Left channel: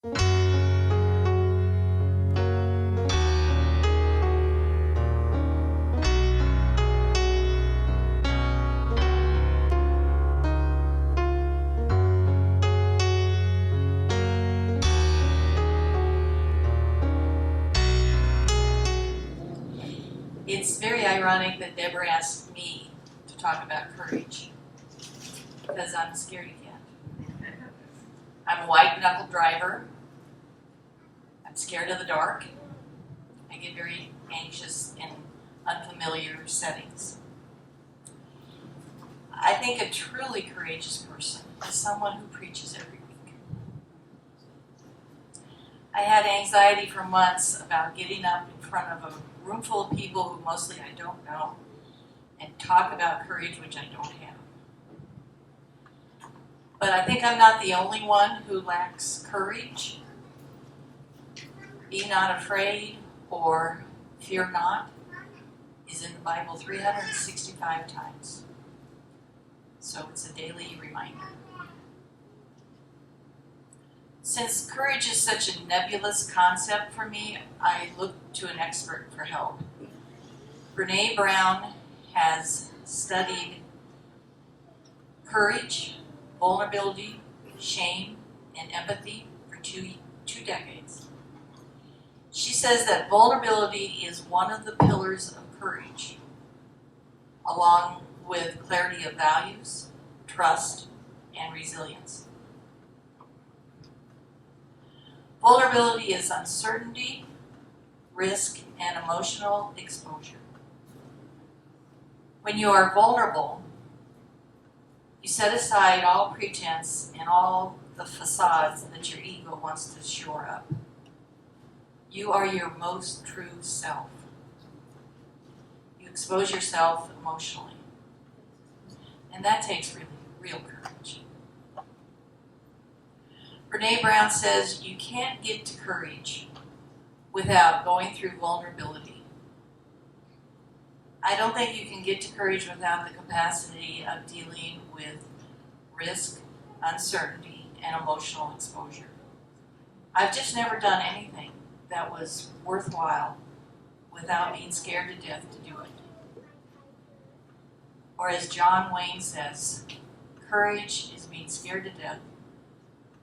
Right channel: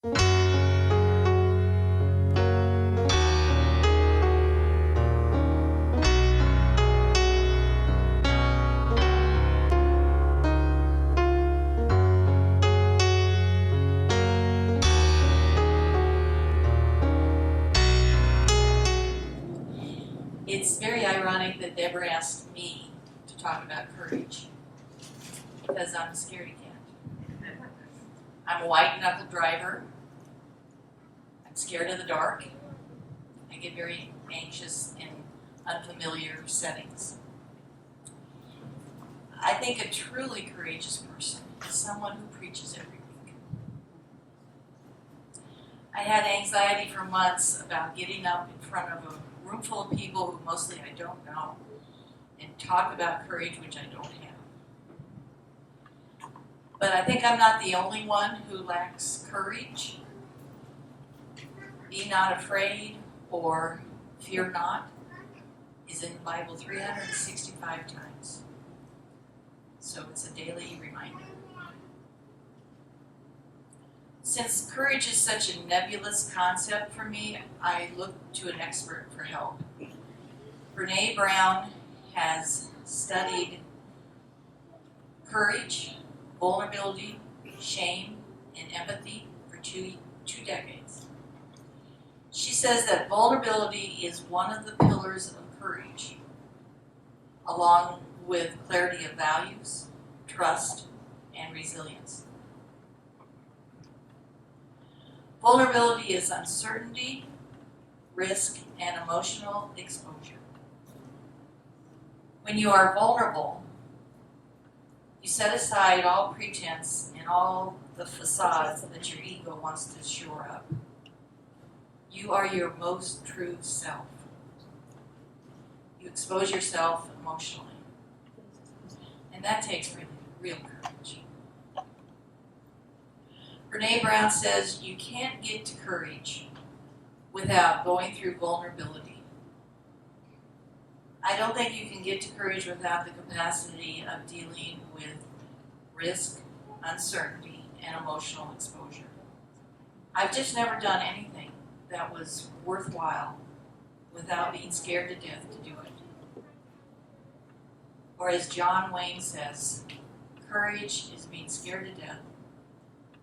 It's very ironic that Deborah asked me to talk about courage, because I'm a scaredy cat. I'm a white-knuckle driver. I'm scared of the dark. I get very anxious in unfamiliar settings. I think a truly courageous person is someone who preaches every week. I had anxiety for months about getting up in front of a room full of people who mostly I don't know and talk about courage, which I don't have. But I think I'm not the only one who lacks courage. Be not afraid or fear not is in the Bible 365 times. So it's a daily reminder. Since courage is such a nebulous concept for me, I looked to an expert for help. Brene Brown has studied courage, vulnerability, shame, and empathy for two decades. She says that vulnerability is one of the pillars of courage, along with clarity of values, trust, and resilience. Vulnerability is uncertainty, risk, and emotional exposure. When you are vulnerable, you set aside all pretense and all the facades that your ego wants to shore up. You are your most true self. You expose yourself emotionally. And that takes real courage. Brene Brown says you can't get to courage without going through vulnerability. I don't think you can get to courage without the capacity of dealing with risk, uncertainty, and emotional exposure. I've just never done anything that was worthwhile without being scared to death to do it. Or as John Wayne says, courage is being scared to death,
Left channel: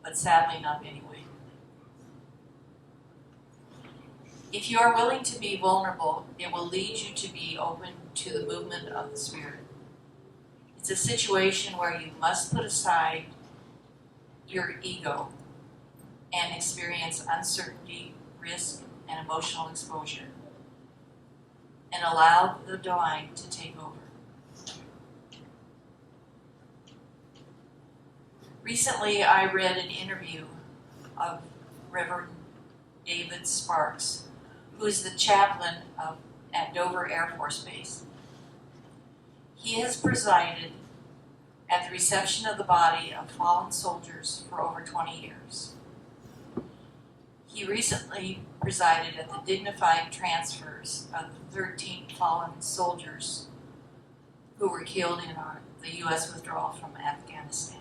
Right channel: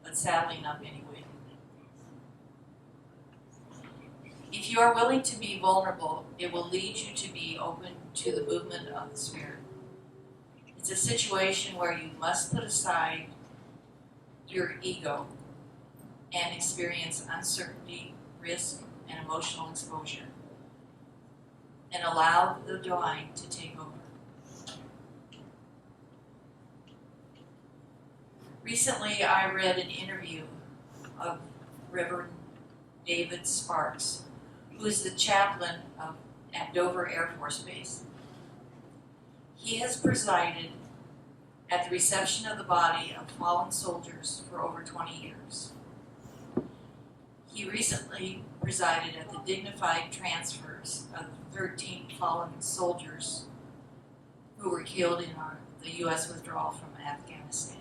but sadly not anyway. If you are willing to be vulnerable, it will lead you to be open to the movement of the Spirit. It's a situation where you must put aside your ego and experience uncertainty, risk, and emotional exposure, and allow the divine to take over. Recently, I read an interview of Reverend David Sparks, who is the chaplain at Dover Air Force Base. He has presided at the reception of the body of fallen soldiers for over 20 years. He recently presided at the dignified transfers of 13 fallen soldiers who were killed in the U.S. withdrawal from Afghanistan.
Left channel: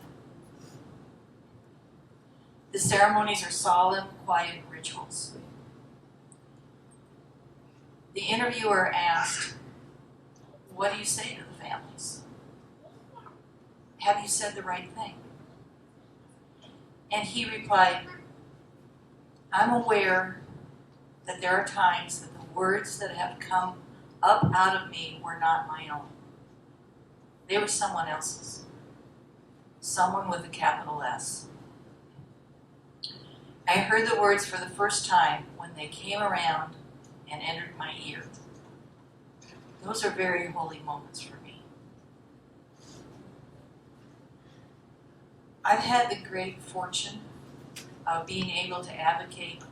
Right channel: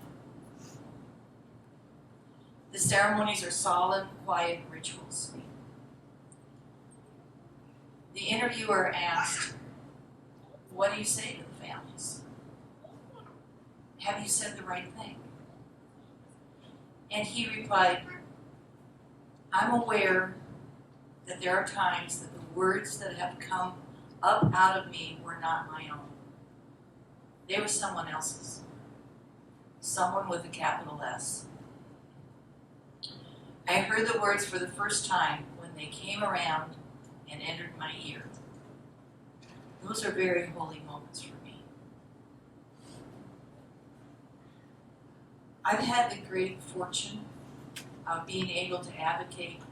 The ceremonies are solemn, quiet rituals. The interviewer asked, "What do you say to the families? Have you said the right thing?" And he replied, "I'm aware that there are times that the words that have come up out of me were not my own. They were someone else's. Someone with a capital S. I heard the words for the first time when they came around and entered my ear. Those are very holy moments for me." I've had the great fortune of being able to advocate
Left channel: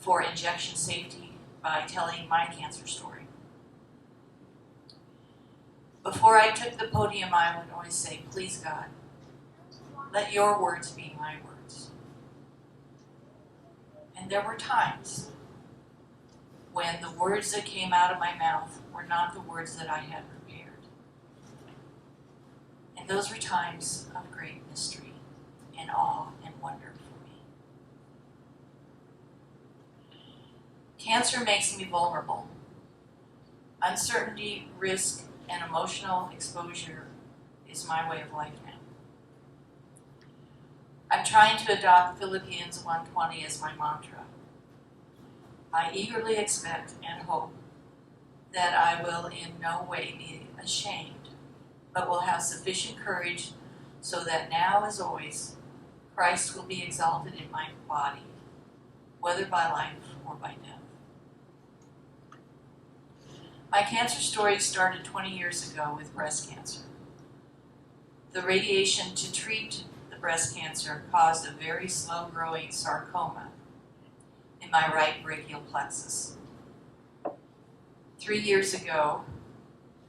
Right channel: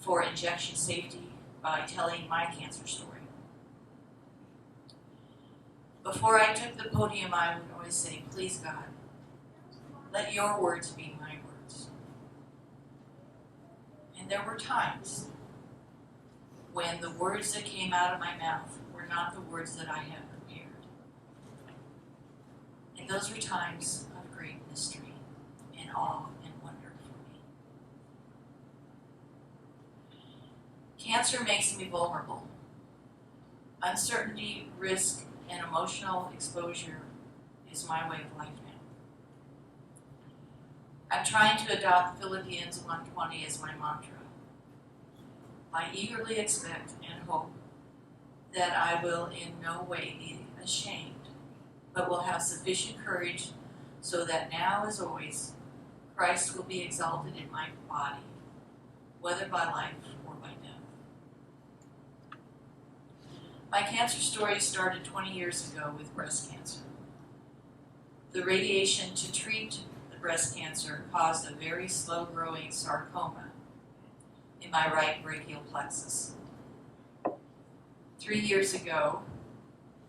for injection safety by telling my cancer story. Before I took the podium, I would always say, "Please, God, let your words be my words." And there were times when the words that came out of my mouth were not the words that I had prepared. And those were times of great mystery and awe and wonder for me. Cancer makes me vulnerable. Uncertainty, risk, and emotional exposure is my way of life now. I'm trying to adopt Philippians 1:20 as my mantra. I eagerly expect and hope that I will in no way be ashamed, but will have sufficient courage so that now as always, Christ will be exalted in my body, whether by life or by death. My cancer story started 20 years ago with breast cancer. The radiation to treat the breast cancer caused a very slow-growing sarcoma in my right brachial plexus. 3 years ago,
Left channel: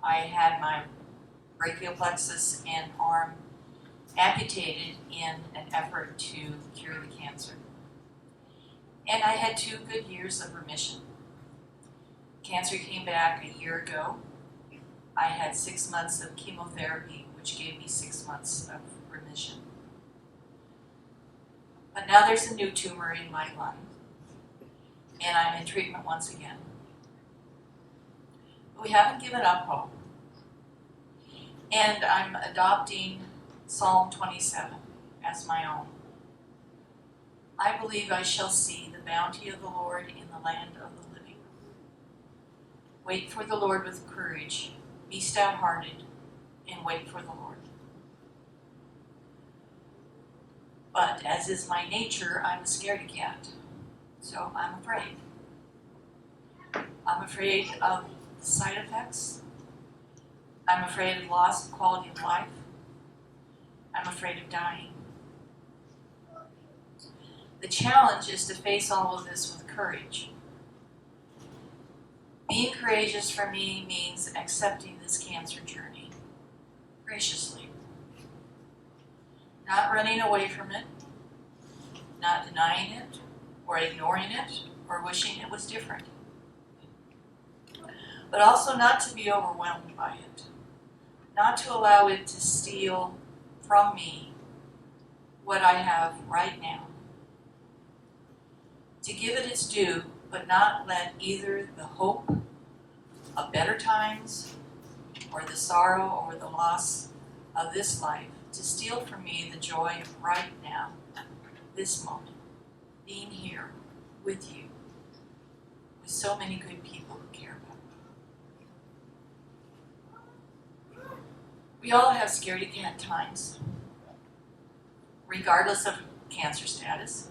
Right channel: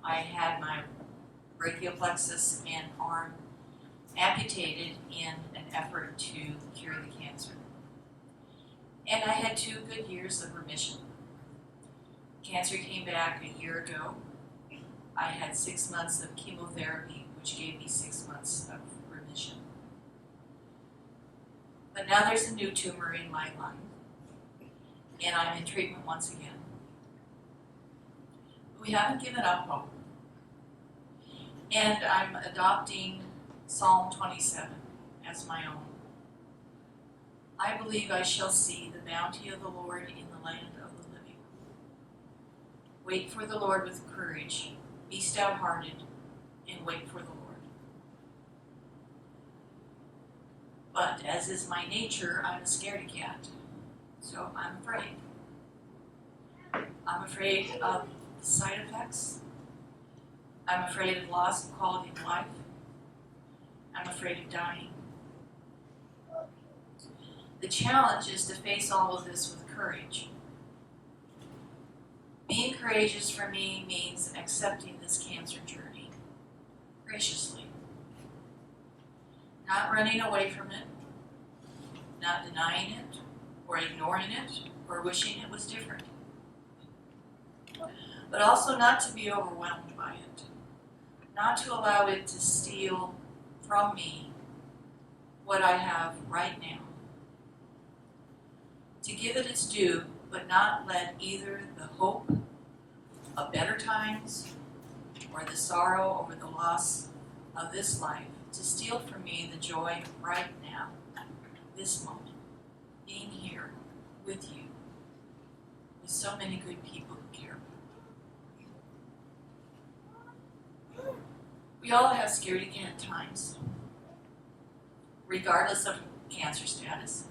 I had my brachial plexus and arm amputated in an effort to cure the cancer. And I had 2 good years of remission. Cancer came back a year ago. I had 6 months of chemotherapy, which gave me 6 months of remission. But now there's a new tumor in my lung, and I'm in treatment once again. But we haven't given up hope. And I'm adopting Psalm 27 as my own. I believe I shall see the bounty of the Lord in the land of the living. Wait for the Lord with courage. Be stout-hearted and wait for the Lord. But as is my nature, I'm a scaredy cat. So I'm afraid. I'm afraid of side effects. I'm afraid of loss of quality of life. I'm afraid of dying. The challenge is to face all of this with courage. Being courageous for me means accepting this cancer journey graciously. Not running away from it, not denying it, or ignoring it, or wishing it was different. But also not to be overwhelmed by it. Not to allow it to steal from me what I have right now. To give it its due, but not let either the hope of better times or the sorrow or the loss of this life to steal from me the joy of right now, this moment, being here with you, with so many good people who care about you. We all have scaredy cat times, regardless of cancer status.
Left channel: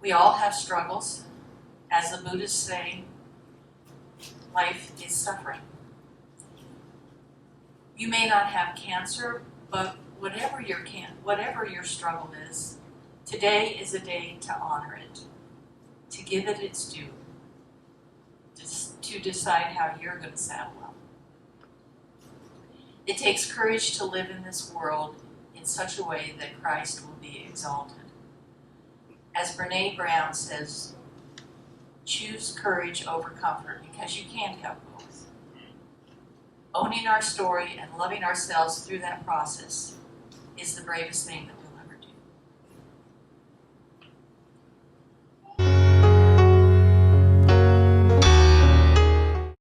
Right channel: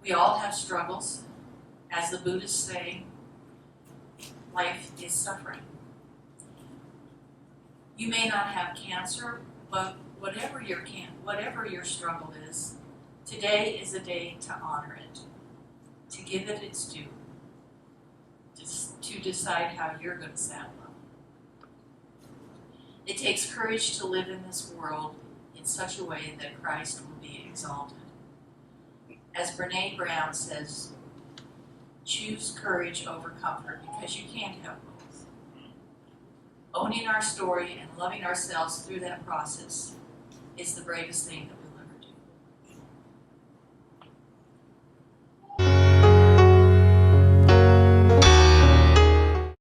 We all have struggles. As the Buddhists say, life is suffering. You may not have cancer, but whatever your struggle is, today is a day to honor it, to give it its due, to decide how you're going to saddle up. It takes courage to live in this world in such a way that Christ will be exalted. As Brene Brown says, choose courage over comfort because you can't have both. Owning our story and loving ourselves through that process is the bravest thing that